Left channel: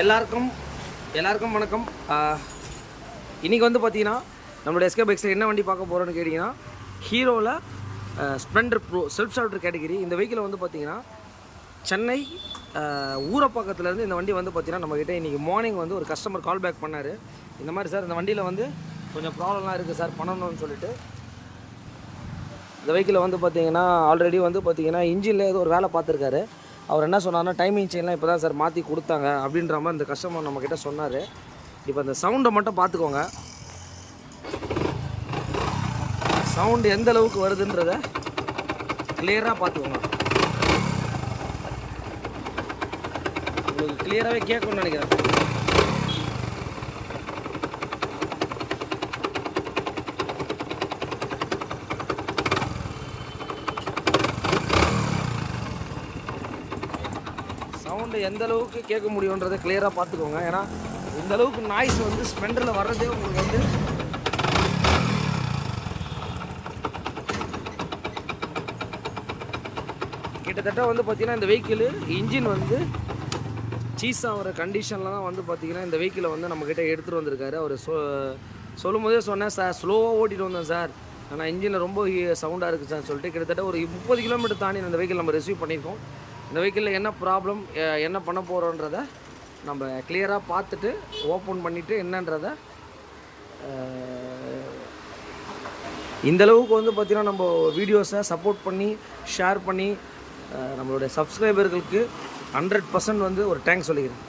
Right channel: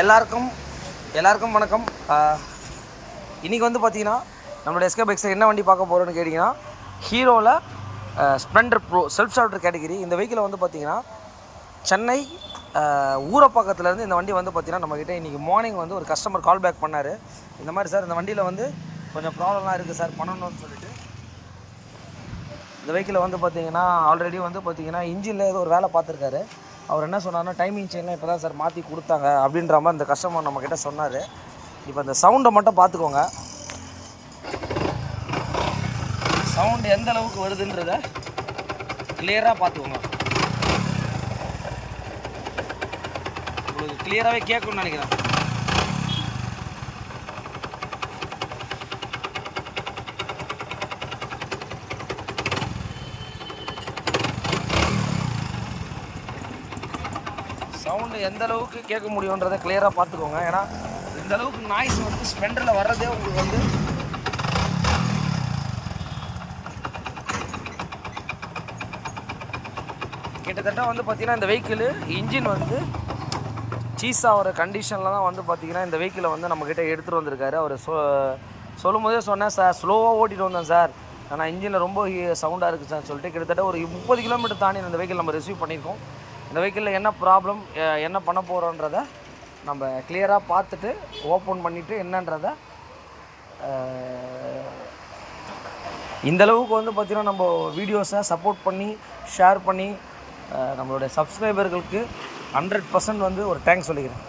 எல்லாருக்கும் வணக்கம். இன்றைக்கி வந்து பார்த்தீங்கன்னா நம்மளோட எஸ்கே பைக்ஸில் என்ன வண்டி பார்க்க போகிறோன்னு கேட்டிங்கன்னா, ஹீரோவில் splendor pro self starter category. இந்த வெஹிக்கிளை வந்து பார்த்திங்கன்னா சென்னை ஊரப்பாக்கத்துலேருந்து இந்த வண்டி வந்து பார்த்திங்கன்னா நம்மக்கிட்ட இன்றைக்கி மார்னிங் வந்து ஒரு கஸ்டமர் கால் பேக் பண்ணார். இந்த மாதிரி சார் இந்த வண்டியில் வந்து கொஞ்சம் ப்ராப்ளம்லாம் இருக்குது சார் பண்ணணும்னு சொல்லிட்டு. இந்த வெஹிக்கிளை வந்து பார்த்திங்கன்னா ஆல்ரெடி வந்து பார்த்திங்கன்னா இன்ஜினில் ஏதோ ஒரு வேலை பார்த்துருக்காரு. அவர் என்ன சொன்னார்னா டைமிங் செயின்லாம் இப்போ தான் சார் மாற்றி கொடுத்தாங்க அப்படின்ற மாதிரி இந்த கஸ்டமர் நம்மக்கிட்ட சொன்னார். இப்போ அந்த சவுண்டை மட்டும் பார்த்துக்கோங்க. சவுண்டு எந்த அளவுக்கு வருதுன்றத கிளியராக பார்த்துக்கோங்க. உங்களுக்கு கிளியராகவே கேட்கணும்னு நினைக்கிறேன். சவுண்டு எந்த அளவுக்கு கேட்க முடியுன்றதை கிளியராக பார்த்துக்கோங்க. ஏன்னா இந்த அளவுக்கு நாய்ஸ் வந்து ஸ்ப்ளெண்டரில் வர்றதே உங்களுக்கு வந்து கிட்டத்தட்ட வந்து பார்த்திங்கன்னா இந்த வெஹிக்கிள் இன்ஜின் வந்து சீஸ் ஆகிற கண்டிஷனில் தான் வந்து பார்த்திங்கன்னா இந்த வெஹிக்கிளை வந்து நம்மக்கிட்ட எடுத்துகிட்டு வந்திருக்காரு. அவர் சொல்லும் போதே சொன்னேன் சார், ஸ்லோவாக ஓட்டிகிட்டு வந்தேன் சார், ஆனால் இன்ஜினில் ரொம்ப சவுண்டாக இருக்குது சார் சொல்லிட்டு கிட்டத்தட்ட ஒரு 30 கிலோமீட்டர் தாண்டி இந்த வெஹிக்கிள் நம்ம ரிசீவ் பண்ணியிருக்கோம். இந்த வெஹிக்கிளில் என்ன ப்ராப்ளம், என்ன பண்ண போகிறோன்றத நம்ம கிளியராக பார்த்துட்டு ஓப்பன் பண்ணிவிட்டு என்னன்றதை இந்தளவுக்கு வந்து பார்த்திங்கன்னா நம்ம வீடியோஸை சப்போர்ட் பண்ணி ஷேர் பண்ணி நம்மளுடைய சப்ஸ்கிரைபர்களுக்கு 100% வந்து ஒரு தேங்க்ஸ் சொல்லிக்கிறேன்.